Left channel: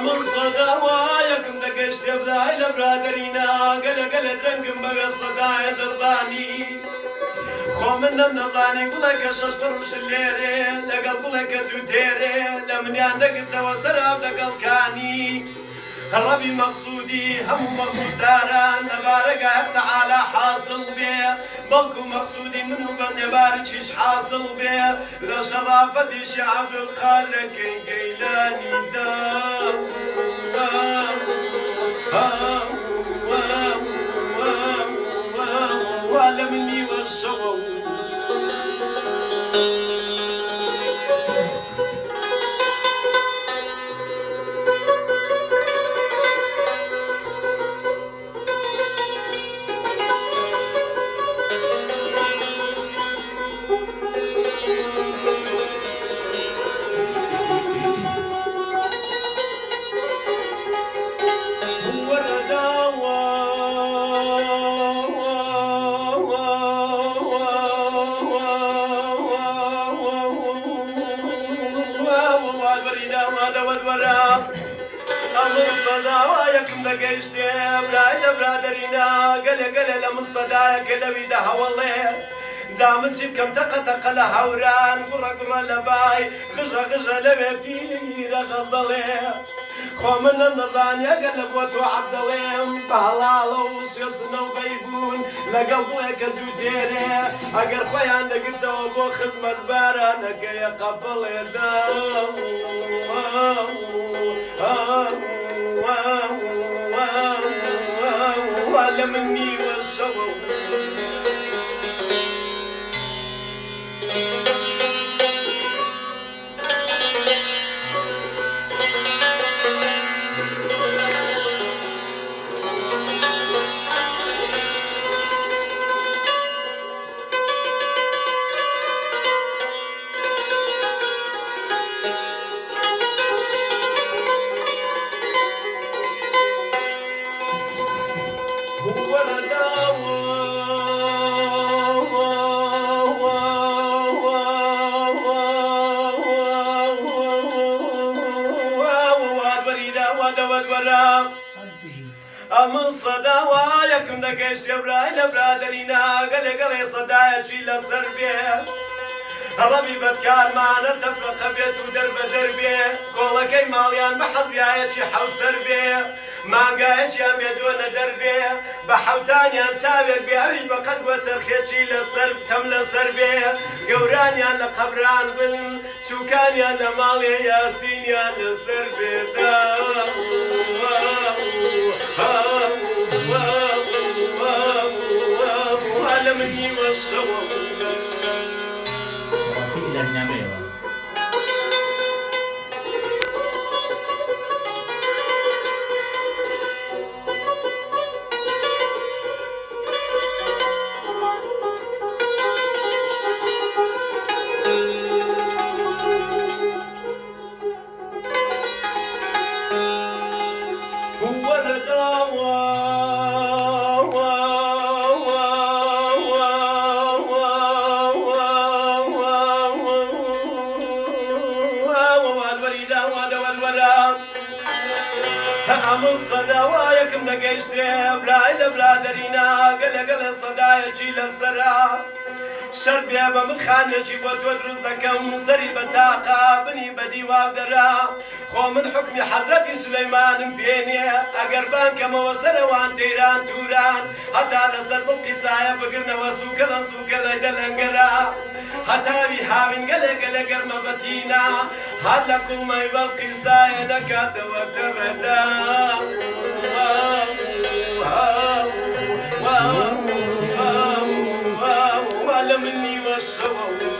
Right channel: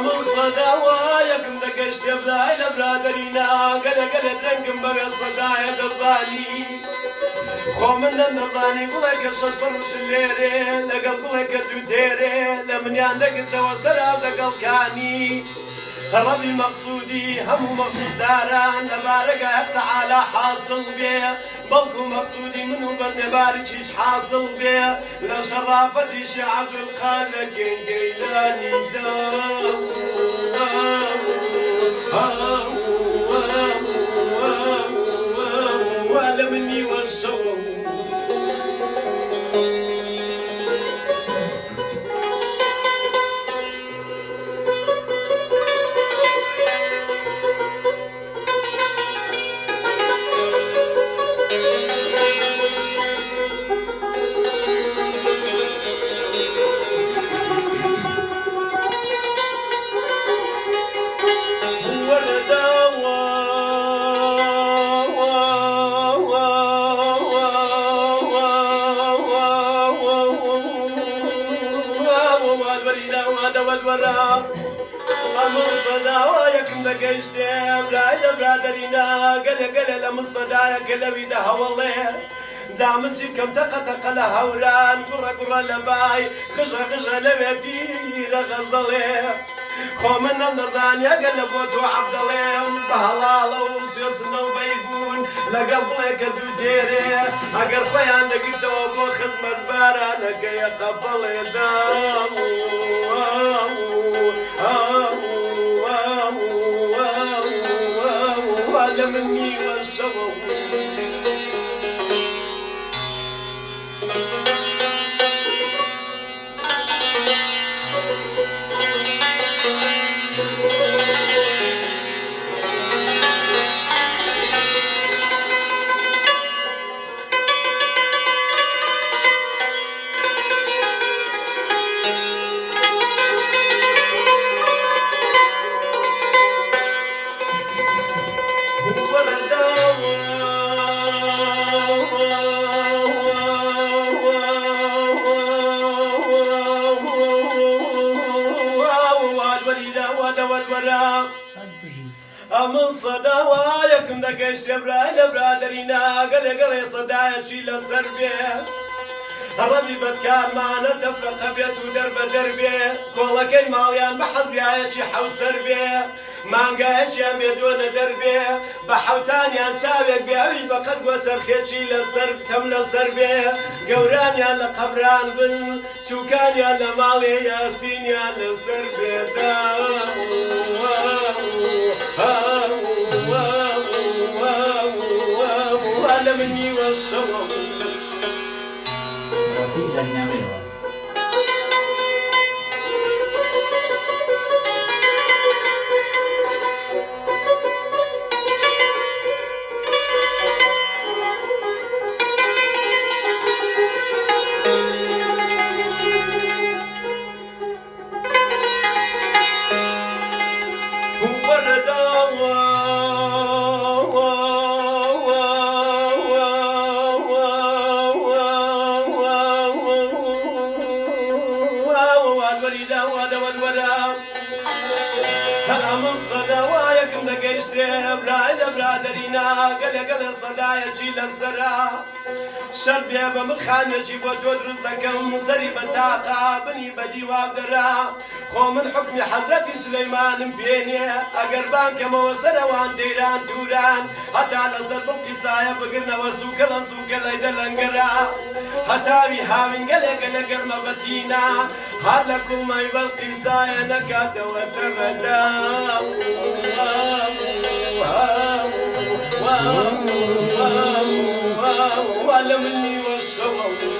من صداوايكم دقشت بلاي لبرادرينا قلق درنكم بقى صدايا دزاني خو من نزاني قولك شش فرش الليري لقل قولك زوتيري لمن عندك التوسر بدقل كاني ربي مقصودي هم مقصود داران نبارك تعالى حاصل بيه بلكو مقصودي منو بني باركيش حاصل بيه لا شرافة شعب الخالق جيلاني ولا مني والشغل من صداوايكم دقشتم لا برادرينا قل من صدايك لوي ده والله زامن شبكم تقطق لهوران قرى لباي خجا لبي في غزله خو من النزان يا قلب وعبد الله بهلال وسيسنا وبيقون لقلبك زوجيري اقر خيان لقيت وابو خزمة بارانك يا قبل يدام ولا مني والشوق من صداوايكم دقشت براي لبرادرينا قلي صدايا جيل سربيه ربي بدكان معنا تفرق بيت ودرب دربي كولكي ماليان محزيايتي حو سربيه ما قايش يا بيدون دربي بحوتاني انشابك بيعي بقد وسر خيتشي لسرب تملا سربي قوراني على قبران بن سوكاني على مالي ياسيني على سربي ولا مني والشوق إلى النعمة من صداوايكم دقشتم لا برادرينا قل صدايا جيل الزرع شربي من خانجي وتدرس دكم سري بتاقة بني بدي وابدرا خو من حكم حضرتي سليمان بيني أقربان كما وصل وان تيران توران حتى نصر بالقصايا بقرنا وسوك ليدا لنقرا حتى بيهاوين قل قرنا بتينا هلكم ما بالقصايا نكات وتردا ولا مني والشوق